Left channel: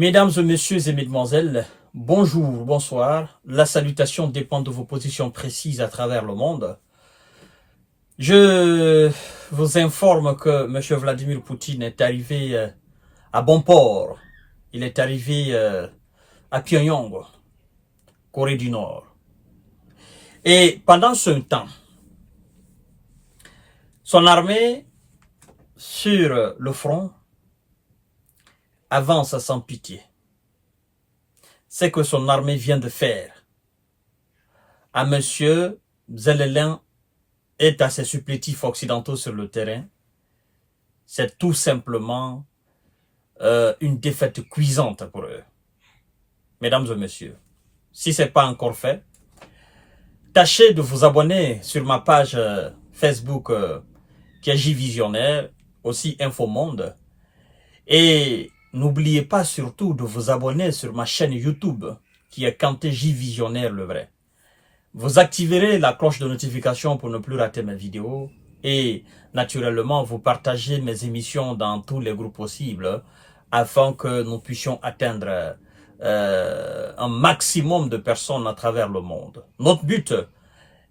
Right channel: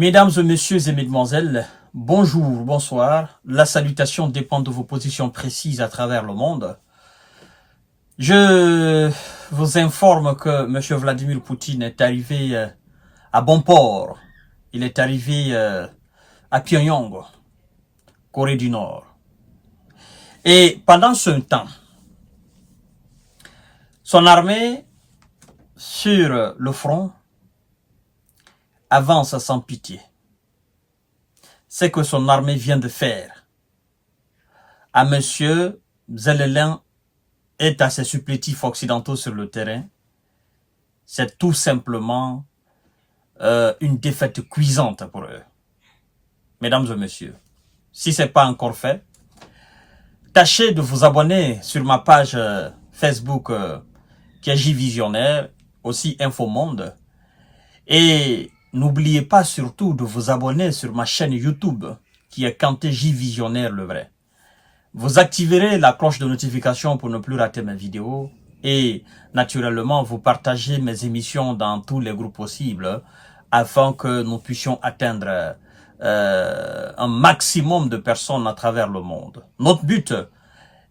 Mesdames et messieurs et mesdemoiselles, bonjour, bonsoir. La salutation dépend de vos positions précises à travers le monde. Je vous informe que M. Vladimir Poutine est arrivé à bon port. Il est arrivé à Pyongyang, Corée du Nord. Et pendant ce temps, son armée sur le front avance sans pitié. C'est que son armée vient de faire à M. Zelensky et à ses supplétifs occidentaux sur le terrain, c'est tout simplement une défaite cuisante pour eux. Mesdames et messieurs, si ce n'est pas encore fait, tâchez de vous abonner sur ma page Facebook qui est J-Visionnaire, aussi Infomonde, et n'oubliez pas surtout de vous abonner sur ma chaîne YouTube qui est Kanté J-Visionnaire le vrai. Vous activerez la cloche de notification pour ne plus rater mes vidéos et naturellement vous partagez mes émissions dans tous les groupes possibles afin que nous puissions atteindre un maximum de personnes à travers le monde. Notre but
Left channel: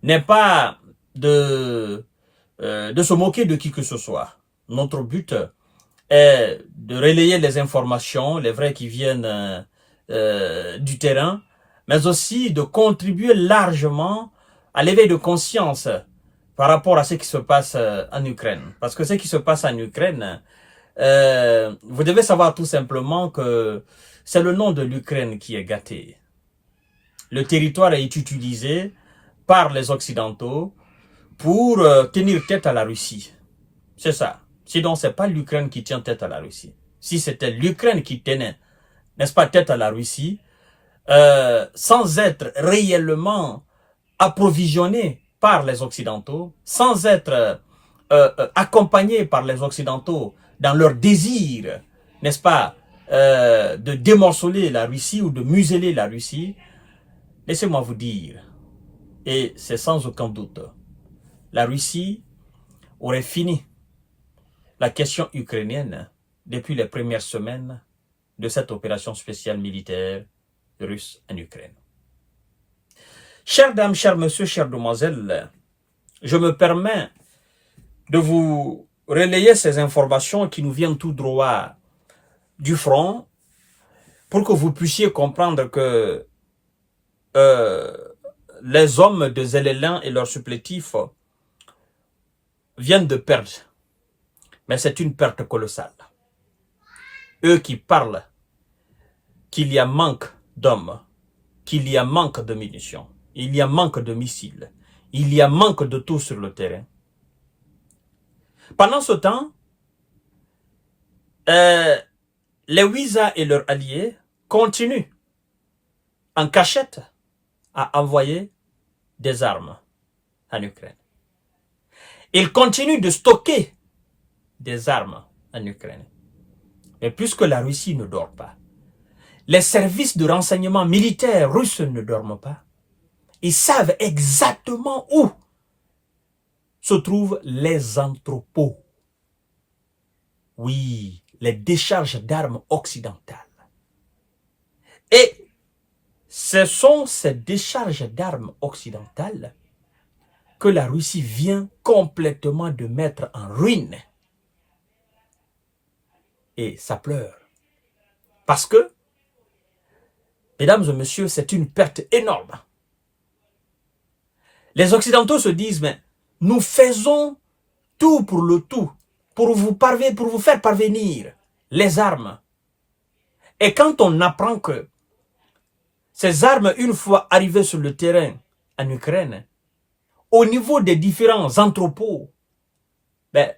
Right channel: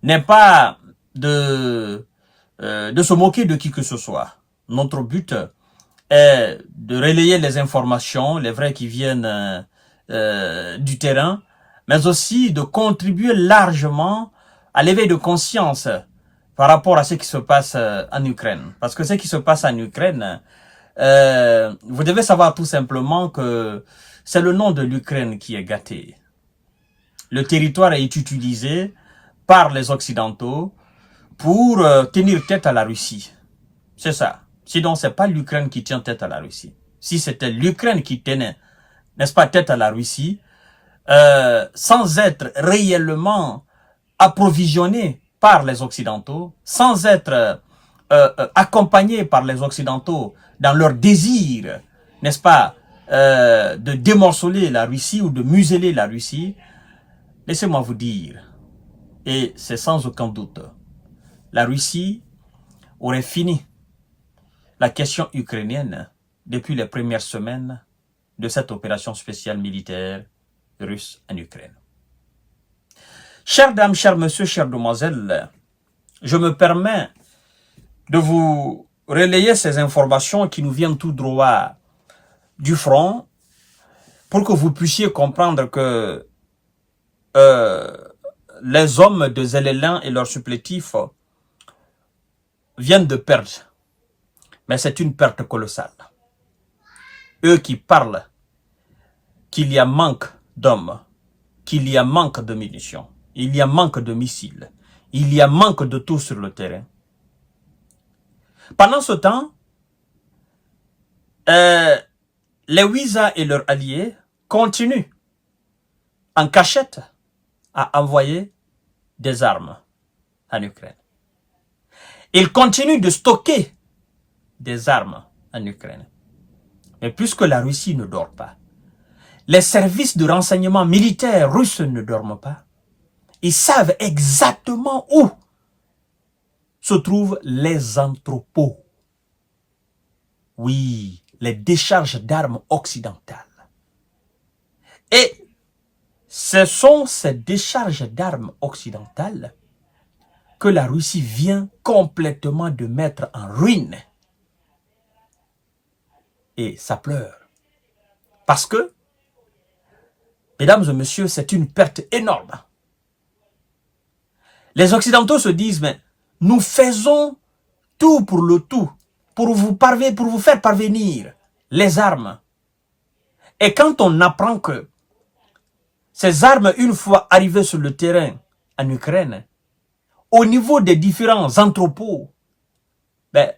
n'est pas de se moquer de qui que ce soit. Notre but est de relayer les informations, les vraies qui viennent du terrain, mais aussi de contribuer largement à l'éveil de conscience par rapport à ce qui se passe en Ukraine. Parce que ce qui se passe en Ukraine, vous devez savoir tout simplement que c'est le nom de l'Ukraine qui est gâté. Le territoire est utilisé par les Occidentaux pour tenir tête à la Russie. C'est ça. Sinon, ce n'est pas l'Ukraine qui tient tête à la Russie. Si c'était l'Ukraine qui tenait, n'est-ce pas, tête à la Russie, sans être réellement approvisionné par les Occidentaux, sans être accompagné par les Occidentaux dans leur désir, n'est-ce pas, de démorceler la Russie ou de museler la Russie, laissez-moi vous dire, et c'est sans aucun doute, la Russie aurait fini la question ukrainienne depuis les premières semaines de cette opération spéciale militaire russe en Ukraine. Chères dames, chers messieurs, chères demoiselles, je me permets de vous relayer ces informations qui nous viennent tout droit du front pour que vous puissiez comprendre que les hommes de Zelensky et leurs supplétifs viennent de perdre. Mais c'est une perte colossale. Eux qui parlent qu'il y a manque d'hommes, qu'il y a manque de munitions, il y a manque de missiles, il y a manque de tout sur le terrain. Pendant ce temps, les Ouïsa et leurs alliés continuent en cachette à envoyer des armes en Ukraine. Ils continuent de stocker des armes en Ukraine. Mais puisque la Russie ne dort pas, les services de renseignement militaire russes ne dorment pas, ils savent exactement où se trouvent les entrepôts. Oui, les décharges d'armes occidentales. Et ce sont ces décharges d'armes occidentales que la Russie vient complètement de mettre en ruine. Et ça pleure. Parce que, mesdames et messieurs, c'est une perte énorme. Les Occidentaux se disent, mais nous faisons tout pour le tout, pour vous faire parvenir les armes. Et quand on apprend que ces armes, une fois arrivées sur le terrain en Ukraine, au niveau des différents entrepôts, ben,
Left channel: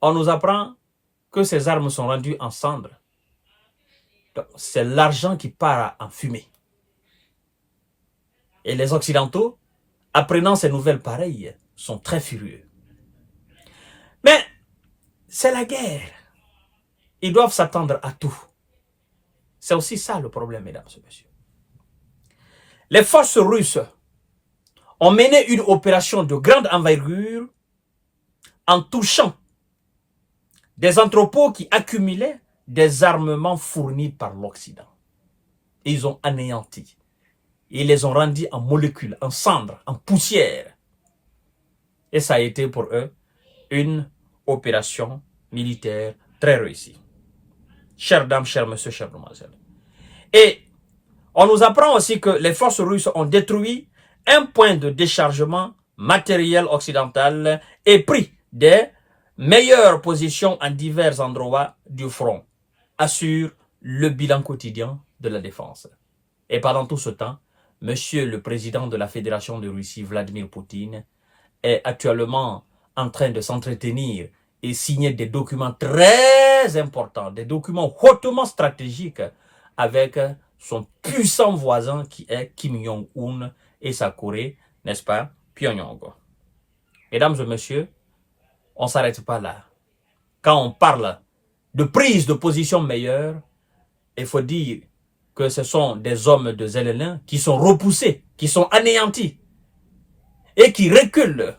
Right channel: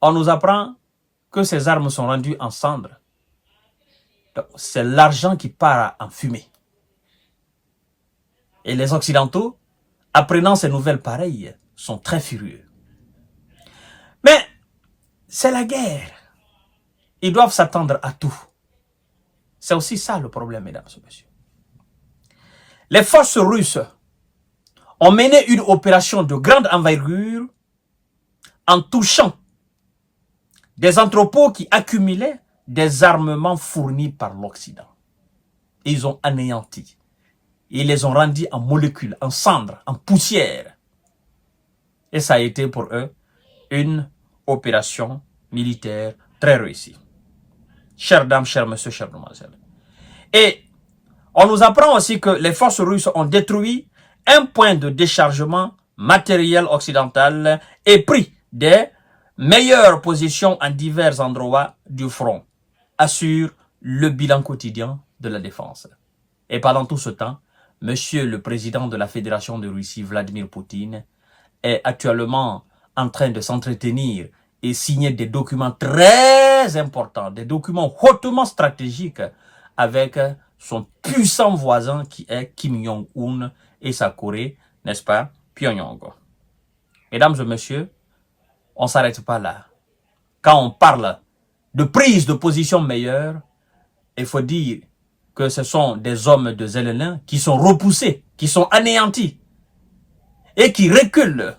on nous apprend que ces armes sont rendues en cendres. C'est l'argent qui part en fumée. Et les Occidentaux, apprenant ces nouvelles pareilles, sont très furieux. Mais c'est la guerre. Ils doivent s'attendre à tout. C'est aussi ça le problème, mesdames et messieurs. Les forces russes ont mené une opération de grande envergure en touchant des entrepôts qui accumulaient des armements fournis par l'Occident. Ils ont anéanti. Ils les ont rendus en molécules, en cendres, en poussière. Et ça a été pour eux une opération militaire très réussie. Chères dames, chers messieurs, chères demoiselles. Et on nous apprend aussi que les forces russes ont détruit un point de déchargement matériel occidental et pris des meilleures positions en divers endroits du front, assure le bilan quotidien de la défense. Et pendant tout ce temps, Monsieur le président de la Fédération de Russie, Vladimir Poutine, est actuellement en train de s'entretenir et signer des documents très importants, des documents hautement stratégiques avec son puissant voisin qui est Kim Jong-un et sa Corée, n'est-ce pas, Pyongyang. Mesdames et messieurs, on ne s'arrête pas là. Quand on parle de prise de position meilleure, il faut dire que ce sont des hommes de Zelensky qui sont repoussés, qui sont anéantis et qui reculent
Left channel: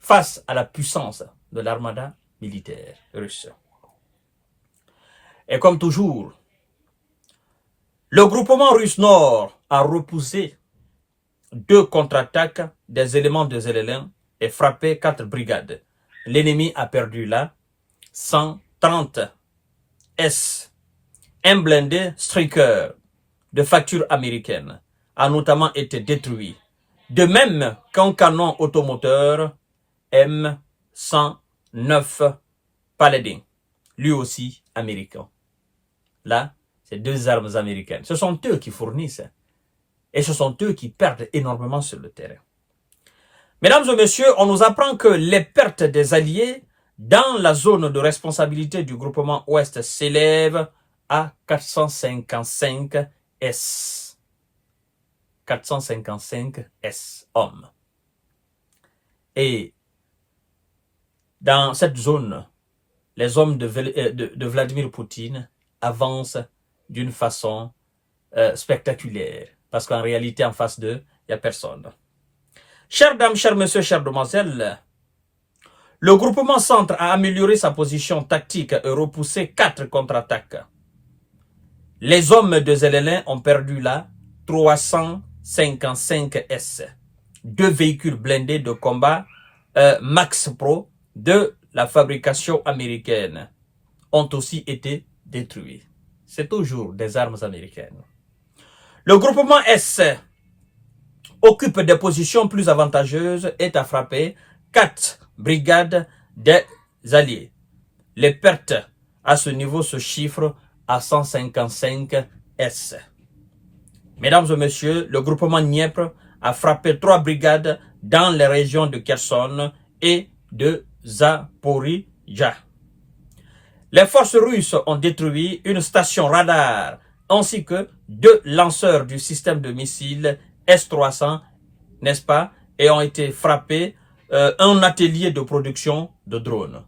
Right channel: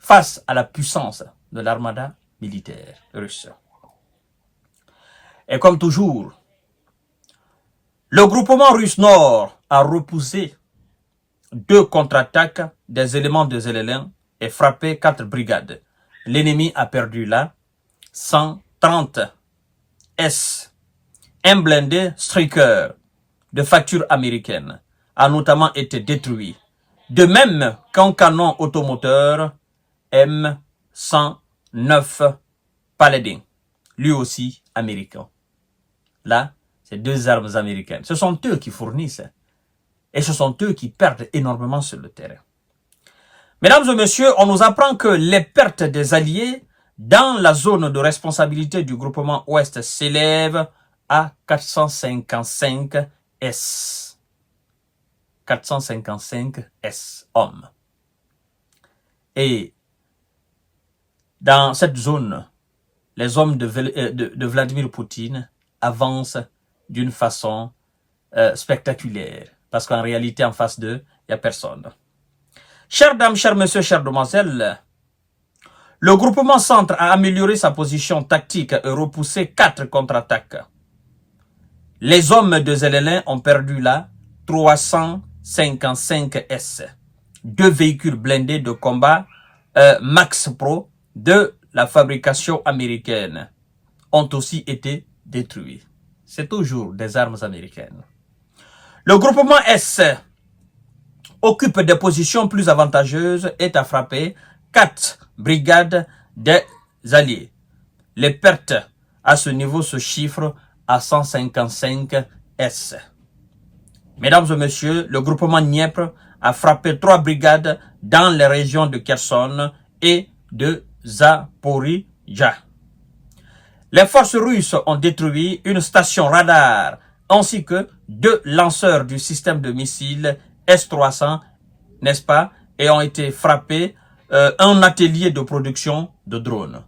face à la puissance de l'armada militaire russe. Et comme toujours, le groupement russe Nord a repoussé 2 contre-attaques des éléments de Zelensky et frappé 4 brigades. L'ennemi a perdu là 130 S. Un blindé Striker de facture américaine a notamment été détruit. De même qu'un canon automoteur M109 Paladin, lui aussi américain. Là, c'est 2 armes américaines. Ce sont eux qui fournissent et ce sont eux qui perdent énormément sur le terrain. Mesdames et messieurs, on nous apprend que les pertes des Alliés dans la zone de responsabilité du groupement Ouest s'élèvent à 455 S. 455 S hommes. Et dans cette zone, les hommes de Vladimir Poutine avancent d'une façon spectaculaire. Parce qu'en réalité, en face d'eux, il n'y a personne. Chères dames, chers messieurs, chères demoiselles, le groupement Centre a amélioré sa position tactique et repoussé 4 contre-attaques. Les hommes de Zelensky ont perdu là 355 S. 2 véhicules blindés de combat Max Pro de la fabrication américaine ont aussi été détruits. C'est toujours des armes américaines. Le groupement S occupe des positions plus avantageuses et a frappé 4 brigades des Alliés. Les pertes à ce niveau se chiffrent à 155 S. Mesdames et messieurs, le groupement Dniepr a frappé 3 brigades dans les régions de Kherson et de Zaporizhzhia. Les forces russes ont détruit une station radar ainsi que 2 lanceurs du système de missiles S-300, n'est-ce pas, et ont été frappés un atelier de production de drones.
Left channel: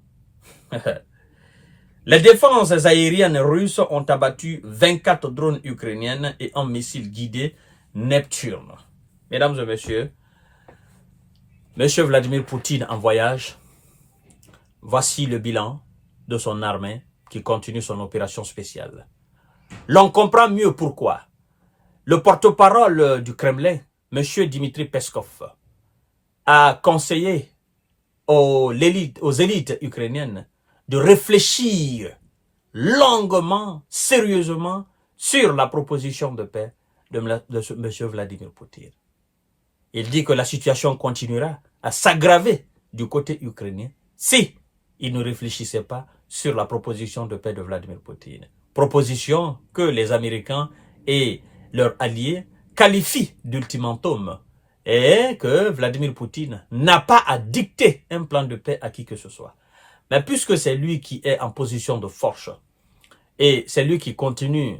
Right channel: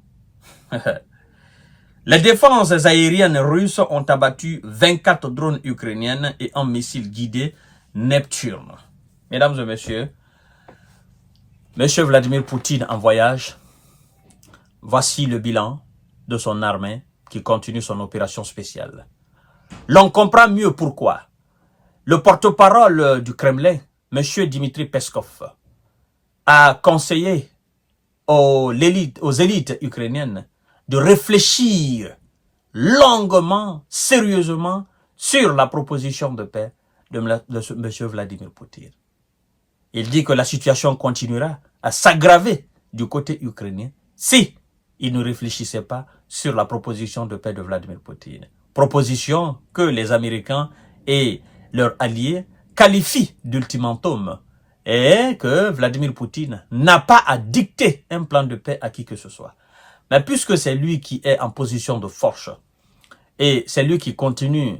Les défenses aériennes russes ont abattu 24 drones ukrainiennes et un missile guidé Neptune. Mesdames et messieurs, Monsieur Vladimir Poutine en voyage, voici le bilan de son armée qui continue son opération spéciale. L'on comprend mieux pourquoi. Le porte-parole du Kremlin, M. Dmitri Peskov, a conseillé aux élites ukrainiennes de réfléchir longuement, sérieusement sur la proposition de paix de M. Vladimir Poutine. Il dit que la situation continuera à s'aggraver du côté ukrainien si il ne réfléchissait pas sur la proposition de paix de Vladimir Poutine. Proposition que les Américains et leurs alliés qualifient d'ultimatum et que Vladimir Poutine n'a pas à dicter un plan de paix à qui que ce soit. Mais puisque c'est lui qui est en position de force et c'est lui qui continue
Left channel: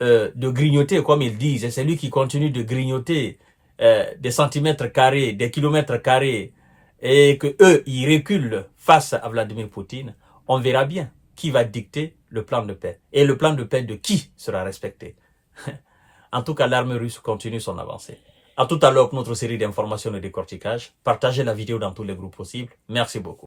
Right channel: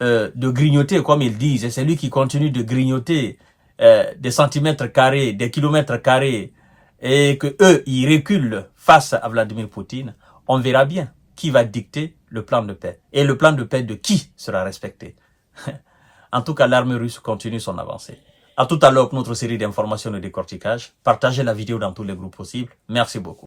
de grignoter, comme ils disent, et c'est lui qui continue de grignoter des centimètres carrés, des kilomètres carrés, et que eux ils reculent face à Vladimir Poutine, on verra bien qui va dicter le plan de paix. Et le plan de paix de qui sera respecté. En tout cas, l'armée russe continue son avancée. À tout à l'heure pour notre série d'informations et de décortiquage. Partagez la vidéo dans tous les groupes possibles. Merci beaucoup.